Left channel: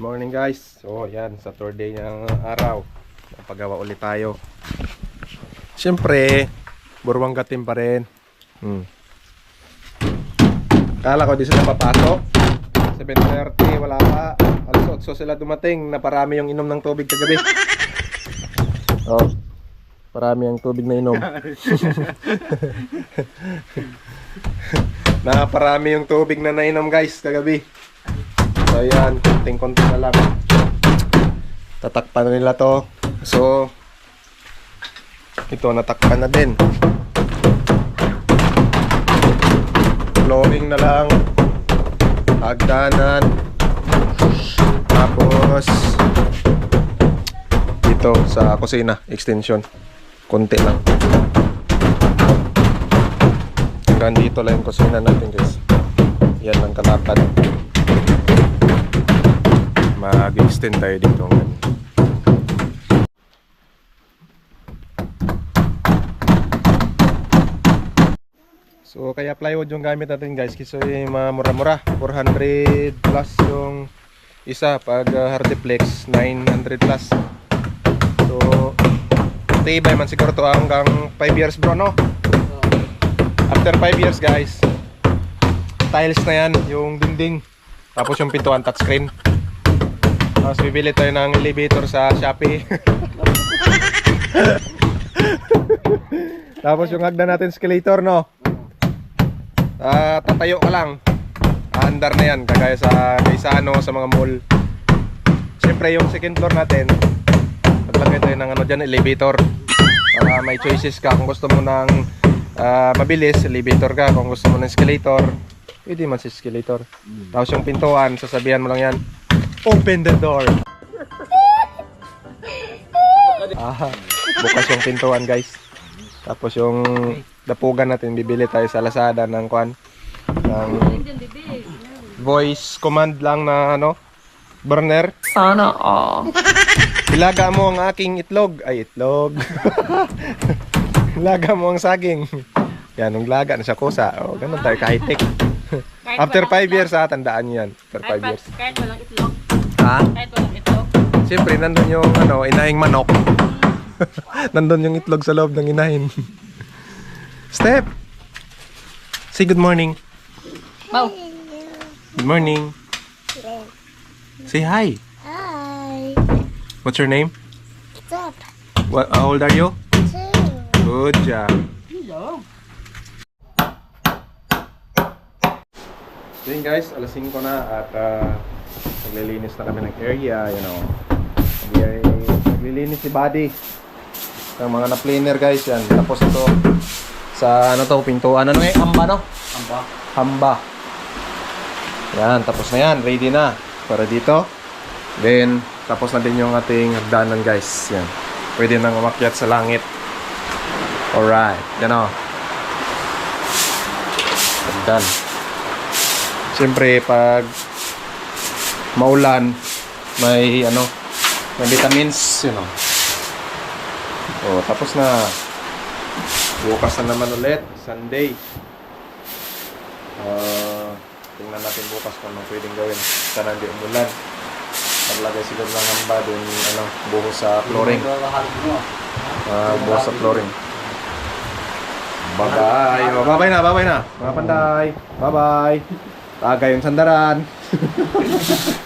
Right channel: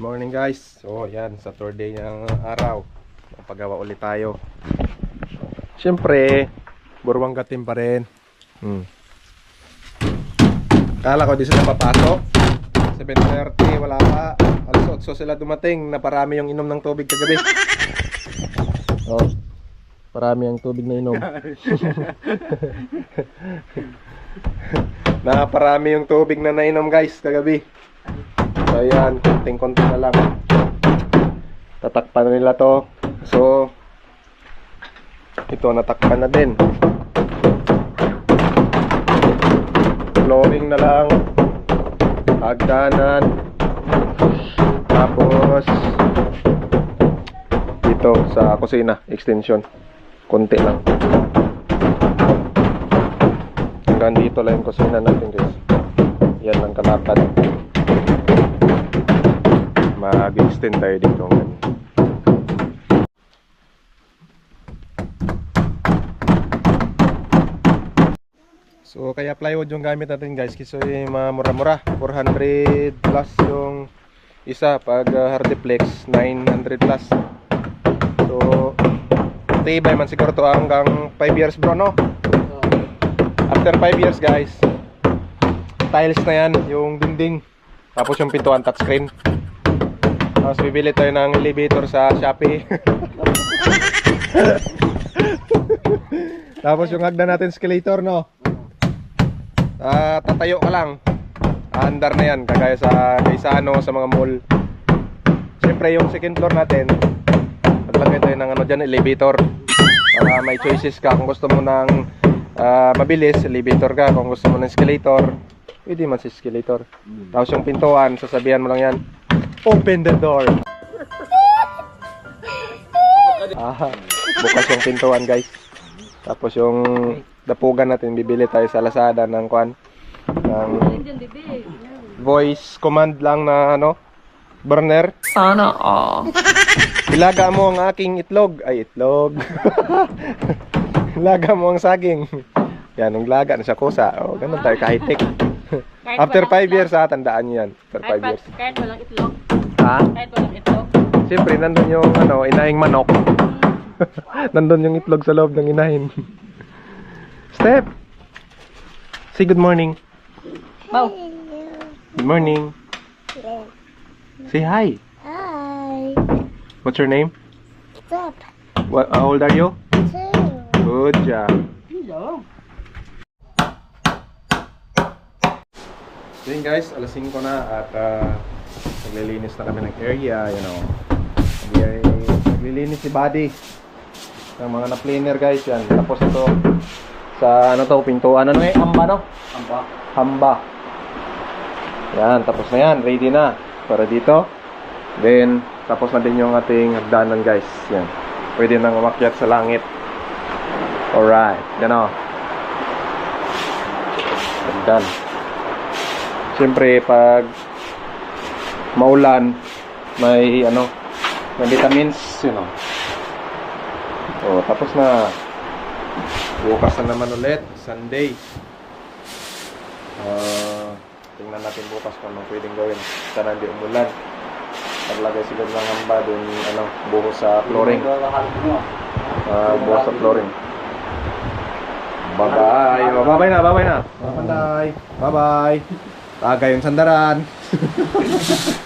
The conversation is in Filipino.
Morning guys. So yan, Saturday ng araw. Napagawa ulit tayo. Siyempre, burwang gatim pa rin. Hmm. Kala ko di sila papasok. 7.30, wala pa. Alas 8 sila dumating. Naparami yung inom ng tubig kagabi. Oh, parami ang tubig na inom. Naparami yung tubig na nainom guys kagabi. So ayan, konting-konti na lang. Tatakpan na nila to. So, ito natakpan na din. Flooring na lang. Hagdanan. Tapos, dito sa kusina, extension. Konti lang. Hanggang dito lang yung kusina natin guys. Yan ang kalakad mag-extend tayo dito ngayon. So kaya plywood yung gamit natin guys. Kasi yung mga mura-mura 400 plus yung isa pag uh, hardiplex 900 plus. So tibay man siguro to hanggang 5 years bro no? After 5 years guys tiles na yan yung dingding. Tapos yung pintuan touchscreen tapos bibili tayo ng elevator sa Shopee. Tapos yung hagdan natin escalator, no? Ah, tatayo ka lang. Andar na yan, kagaya sa Gaisano, sa mga mall. Siyempre, yung second floor natin, maglagay tayo ng ano dyan, elevator. Para may choices ka. Kung gusto mo ng ah, mabilis, elevator ka. Kung gusto mo ng escalator, pwede man sa escalator. Tapos yung pintuan, sasabihan mo lang yan, Open the door. ah, bukas yung pintuan guys. Tapos yung dapugan natin, bibili tayo sa Lazada ng kwan. Ng voice command lang na ano, burner. Sana all. Ilaga mo ang aking itlog. Ay, itlog. Ilaga mo ang saging. Yan, nung laga na siya kusa. Oh, ganun tayo, ka-high-tech. After 5 years, ha, tandaan nyo yan. After 5 years. Kahit walang itlog. Siyempre, nandun yung ano, inahing manok. nandun yung itlog sa loob ng inahin. Step! Say good morning. Mau. Good morning. Say hi. Hi. What's your name? Step What, how old are you? two. Good job. Hello. So yun guys, alas 5 na at uh, naglilinis na kami ng area, you know. Nagli- Naglilinis si Buddy ng mga na-planer guys yan. Tapos ito sa ano to, pintuan. Ano eh? Hamba no? Hamba. Hamba. Yan, tapos na yan. Ready na. Para dito. Then, tapos na din yung ating hagdanan guys. Yan. Pwede nang umakyat sa langit. Alright. Yan o. Hagdan. Siyempre, pag maulan, may ano, may vitamins, you know. Oh, tapos na. Bukas na naman ulit, Sunday. Ah, tingnan natin bukas kung anong pwedeng gawin. Sana hindi umulan. Paglagay siguro ng hamba dun, ano, buhos sa flooring. Ah, buhos sa flooring. Bye-bye. Oh, bye-bye na, bye-bye na. Mga panday. Bye-bye. Tagay yung sandaran.